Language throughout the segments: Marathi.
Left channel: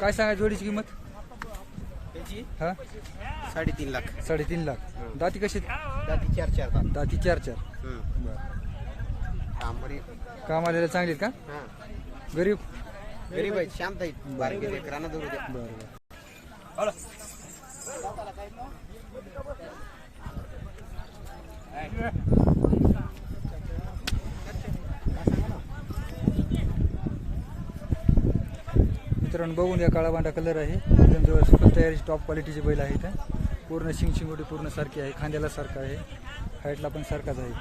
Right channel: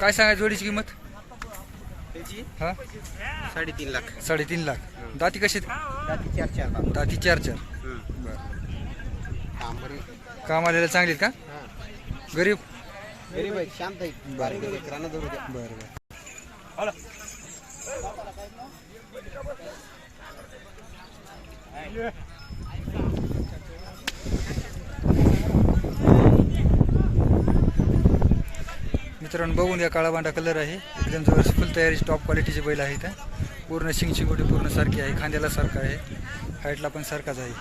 काय सांगा जोडीची किंमत? त्याची? हा? साडेतीन लाख. साडेतीन लाख. दाती कशी जाती चार चार दात. दाती चार चार. हं. बर तांबरे काम आलेलं चांगली आहेत का? हां. गरीब? गरीब आहेत शांत आहेत. बारीक द्या बर बर. मित्रांनो बघून या काळा बांडा कलर आहे. एकदम जवळ फुल तयारीची टॉप क्वालिटीचे बैल आहेत पूर्ण शिंग शिंगोटी पूर्ण सारखी आहे खांद्याला सारखा आहे हाईटला पण सारखाच आहे.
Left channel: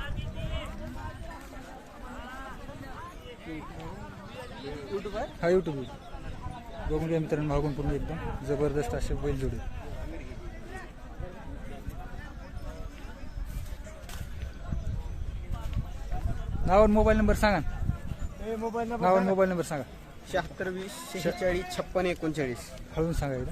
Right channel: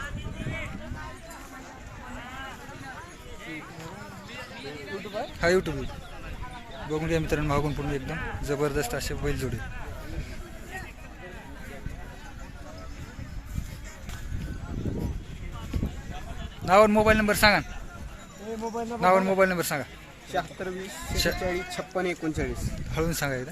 हा यूट्यूब बघून घ्या मित्रांनो मागून पूर्ण एकदम जबरदस्त असे बैल जोडे नाव आणि मोबाईल नंबर सांगा मोबाईल नाव आणि मोबाईल नंबर सांगा. शहात्तर वीस शेहेचाळीस छप्पन एकोणचाळीस. हळून सांगा एकदा.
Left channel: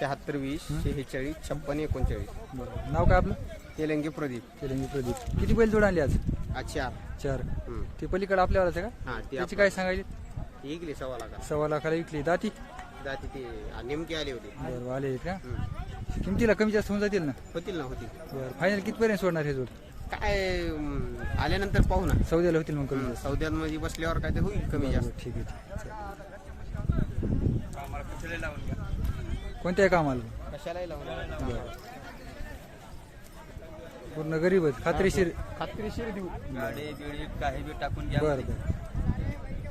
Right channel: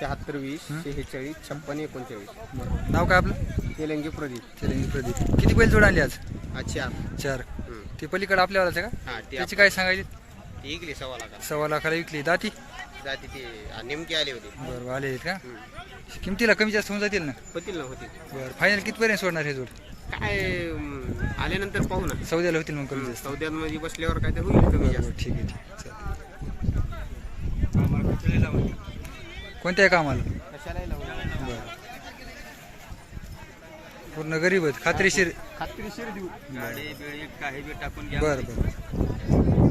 शहात्तर वीस शेहेचाळीस छप्पन एकोणचाळीस. बरं. नाव काय आपलं? तेलंगी प्रदीप. तेलंगी प्रदीप. किती बैल जोड आणले आज? अच्छा. चार. हं. ते पलीकडे आपल्यावालाच आहे का? हा ते त्याची काय सांगायची? ते इकले सव्वा लाख सव्वा लाखाला विकली. दाती? जाती ते नेमके आले होते. बरं आले आहेत का? हं. किमतीला कमी जास्त होऊन जातील ना? होतील ना होतील. बरं फायनल कितपर्यंत सोडणार हे जोड? काय अं, आल्यानंतर पाहू ना. सौद्याला होतील मग कमी जास्त. सौद्यात मध्ये बसल्यावर काय तर होईल कमी जास्त. ठीक आहे ठीक आहे. चालेल. कोणत्या कामाला? कशालाही पूर्ण गरीब आहेत खात्रीशीर. खात्रीशीर देऊ. गाडी बिळी काही बी टाकून घ्या. बरं बरं.